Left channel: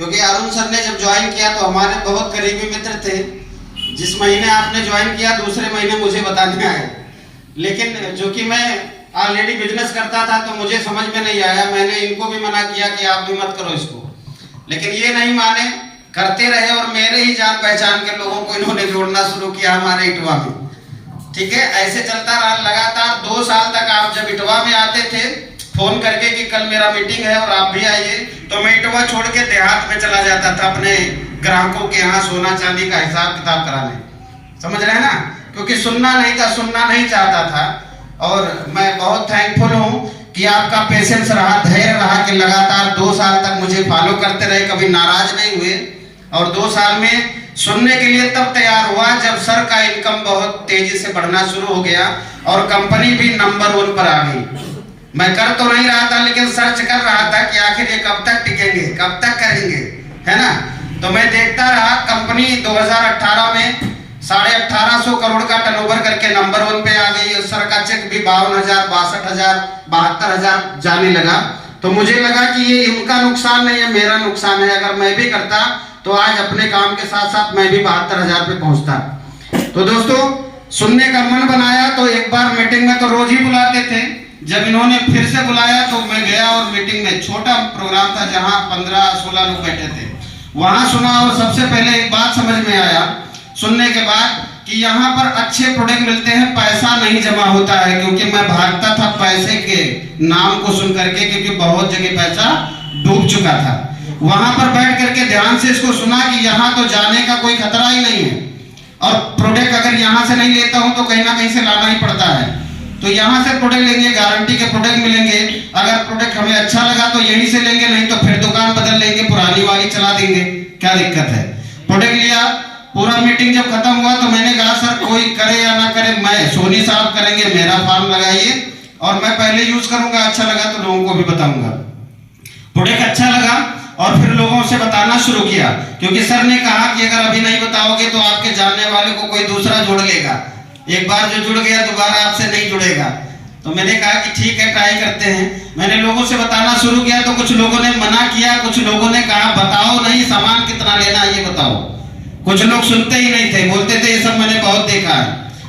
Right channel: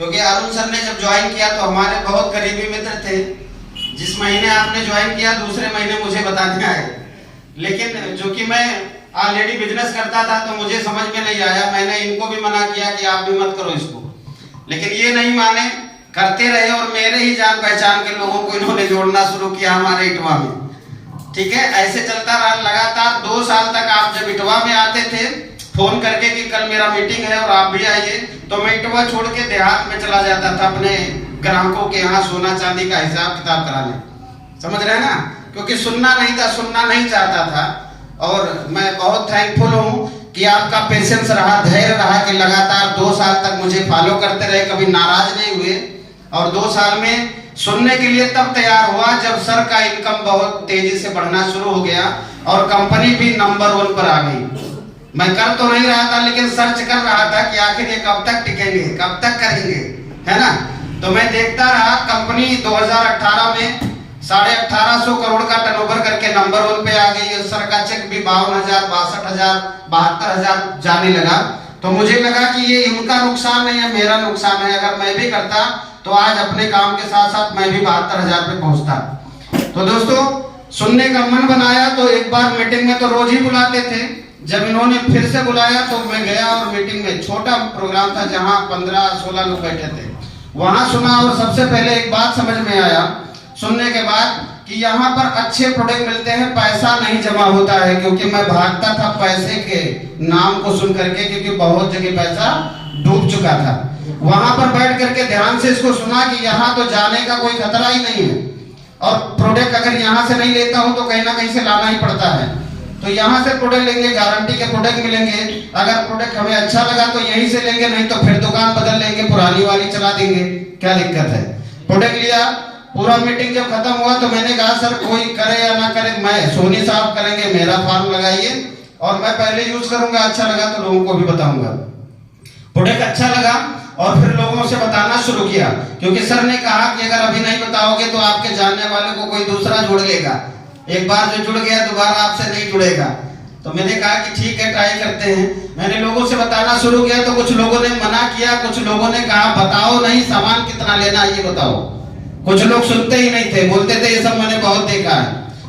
क्योंकि अरुण सर ने जब ज्वाइन किया तो हमारे बहुत करीबी मित्र थे। जिस महीने आपने ज्वाइन किया दूसरे महीने मुझे बताने आए, लेकिन जो कि मैं ऑलरेडी बिजनेस करता था तो मुझे समझ में नहीं आया। मैंने इनको भी मना किया कि आप भी मत करो इसको, लेकिन ये नहीं माने, करते रहे और मेरे ही जान पहचान के लोगों को इन्होंने जोड़ना शुरू किया हमारे इटवा में। ठीक है, ऐसे चलता रहा लगातार 2 साल तक। आप जब इटवा में आते थे फोन करके कि कल मेरा मीटिंग है और आप भी आइए, तो मैं इटवा छोड़ के देहात में चला जाता था अपने ग्राहकों के यहाँ सोना चांदी का हिसाब किताब कराने। समझ रहे हैं ना, क्योंकि सुनना नहीं था, सुनना नहीं चाहता था। और मैं बहुत थैंकफुल हूँ कि आपका पेशेंस रहा, धैर्य रहा कि लगातार 2 साल तक मुझे फॉलो करते रहे, कभी नाराज नहीं हुए। और 2 साल में सुनने के लिए तब तैयार हुआ जब सर का इनकम बहुत तेजी से बढ़ना शुरू हो गया और कंपनी भी नंबर 1 पर आ गई। मैं कर तो नहीं रहा था, लेकिन सर्च कर रहा था कि आखिर ये कब तक टिकेंगे, कब तक करेंगे, है ना। तो मैं देखता रहा, कंपनी 2018 में 1850 करोड़ का टर्नओवर करके नंबर 1 पे आ गई। और सर का चेक भी 52,000, 62,000, 72,000 जाने लगा। तो मुझे लगा कि ये इनका नुकसान नहीं है, मेरा नुकसान है। अगर मैं भी करता तो आज अपने काम के साथ साथ मैं भी 72,000 पे पहुंचता। तो दोस्तों, सुनने का मन बनाया तो एक बार मीटिंग में तो रोज ही बुलाते थे। जब इन्होंने फिर से बुलाया तो मैं गया और मीटिंग में, छोटा प्रोग्राम था जहां 15-16 लोग बैठे थे, वहां सुना। और सबसे पहले एक बात समझ में आया सुनने के बाद कि यहाँ पर अच्छे प्रोडक्ट मिलते हैं, पैसा नहीं जमा होता है। क्योंकि मैं भागता था पैसे के नाम को सुन करके, क्योंकि बहुत जगह पैसा डूब चुका था। वहां पर बैठ करके ध्यान से इसको सुना कि यहाँ तो जाने का कोई खतरा ही नहीं है, और प्रोडक्ट अगर यहाँ से नहीं लेता हूँ तो कहीं ना कहीं से लाना ही पड़ता है। तो यहाँ से प्रोडक्ट लेंगे, गारंटी के प्रोडक्ट मिलेंगे। अगर प्रोडक्ट हमें अच्छा लगा तो यहीं से लेंगे, नहीं तो फिर दुकान बदल लेंगे, पुरानी वाली चला देंगे, क्या दिक्कत है। प्रोडक्ट लिया, पूरा मीटिंग जब खत्म हुआ तो मैंने कहा सर कोई करे या ना करे, मैं सोनी साहब करेंगे, मेरा फॉर्म लगाइए और मैं पहले यूज करूंगा, अच्छा लगा तो लोगों को भी बताऊंगा। प्रोडक्ट अच्छा लगा और फिर लोगों से बताना शुरू किया, क्योंकि सर ने कहा कि अगर अभी नहीं बताओगे तो आपके जानने वाले को कोई दूसरा जोड़ लेगा। एक बार जो जुड़ गया दोबारा आपसे नहीं जुड़ेगा। तो मैंने कहा कि ठीक है, ट्राई करते हैं। मैंने लोगों से बताना शुरू किया तो कुछ लोगों ने मना किया, कुछ लोगों ने कहा बताओ नहीं, सामान कितना लेना है ये बताओ। कुछ लोग सुनते ही नहीं थे, बोलते थे ये सब मैंने बहुत देखा है।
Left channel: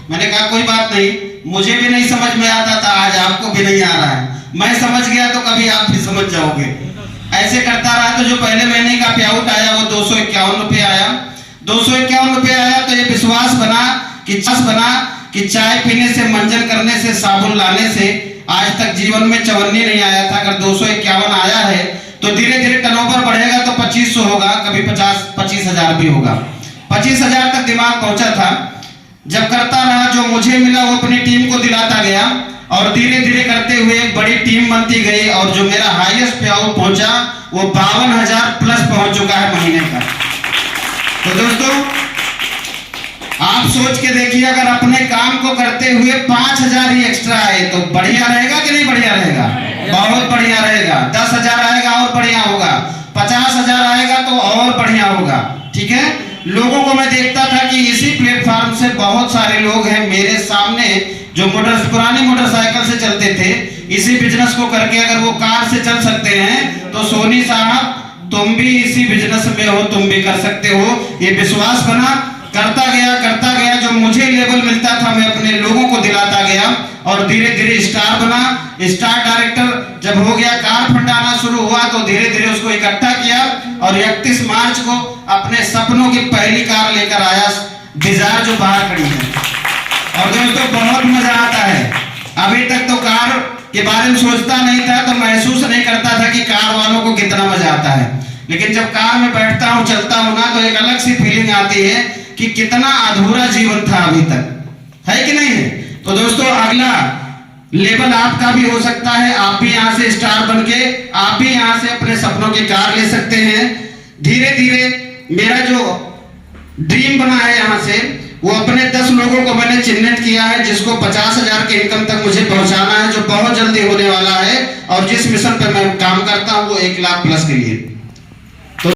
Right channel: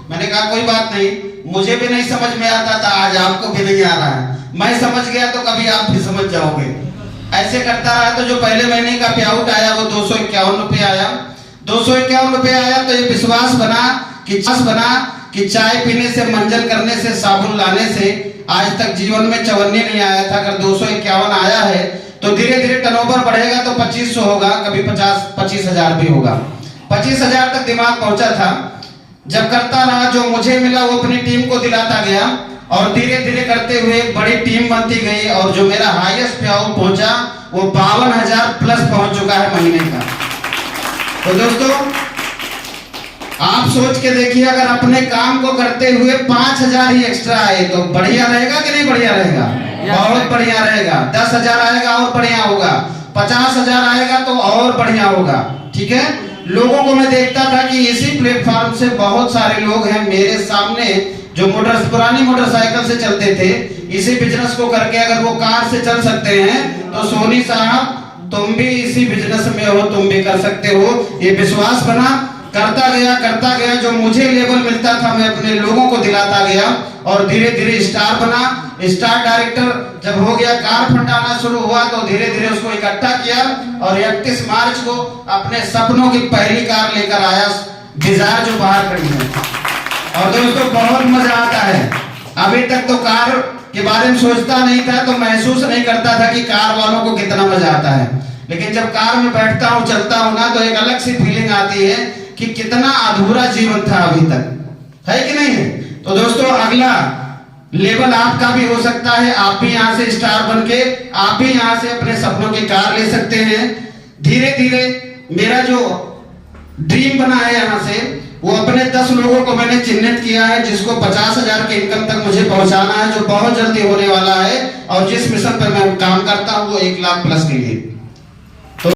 मैंने कहा कोई बात नहीं, मुझे भी नहीं समझ में आता था, आज आपको भी नहीं आ रहा है। मैं समझ गया तो कभी आप भी समझ जाओगे। ऐसे करता रहा तो जो पहले महीने का पे आउट आया वो 251 रुपये आया। 251 रुपये आया तो ये विश्वास बना कि चाय पीने से, मंजन करने से, साबुन लाने से आज तक जीवन में चवन्नी नहीं आया था। अगर 251 आया है तो धीरे धीरे टर्नओवर बढ़ेगा तो 2500 होगा, कभी 50-25,000 भी होगा। 25,000 तक दिमाग पहुंचा था। जब करता रहा, जो मुझे मिला वो अपनी टीम को दिलाता गया और धीरे धीरे करते हुए एक बड़ी टीम बनती गई। और जो मेरा हाईएस्ट पे आउट पहुंचा वो 52,000 प्लस पहुंच चुका है महीने का। तो दोस्तों, आप सोच के देखिए, अगर अपने काम को करते हुए 5,000 ही एक्स्ट्रा आए तो बढ़िया रहेगा कि नहीं बढ़िया रहेगा? बहुत बढ़िया रहेगा। 10,000 आएगा और बढ़िया होगा, 50,000 आएगा तो और बढ़िया होगा। ठीक है, लोगों को मैं देखता था कि इसी प्लेटफॉर्म से बहुत सारे लोग हैं मेरे सामने जो पुरानी मोटरसाइकिल से चलते थे। इसी बिजनेस को करके अगर वो कार से चल सकते हैं तो सोनी साहब तुम भी इसी बिजनेस में हो, तुम भी कर सकते हो। ये विश्वास बना, करता गया। जो मुझे लेवल मिलता था मैं अपने लोगों को दिलाता गया और धीरे धीरे स्टार बना। स्टार डायरेक्टर जब हो गया, कार फंड आना शुरू हुआ तो धीरे धीरे उसको इकट्ठा किया और 31 मार्च को अपने सपनों की पहली कार लेकर आया, डिजायर, जो बाहर खड़ी है। और दोस्तों बहुत मजा आता है। अभी तक तो कार के बारे में सोचता नहीं था तो महसूस नहीं करता था कि कार वालों को कितना मजा आता है, लेकिन जब कार में बैठता हूँ, चलता हूँ ना, तो एक अलग सी फीलिंग आती है कि कितना अधूरा जीवन था अभी तक, है कि नहीं है। तो दोस्तों, अगला लेवल आपका भी हो सकता है। आप भी यहाँ से स्टार बनके आप भी यहाँ से अपने सपनों की कार ले सकते हैं। धीरे धीरे मेरा जो ड्रीम बना है यहाँ से, वो अपने 10 लोगों को मैंने चिन्हित किया है जिसको 50,000 के इनकम तक मुझे पहुंचाना है, जो बहुत जल्दी होने वाला है। और जिस मिशन पर मैं काम करता हूँ वो 1 लाख प्लस के लिए।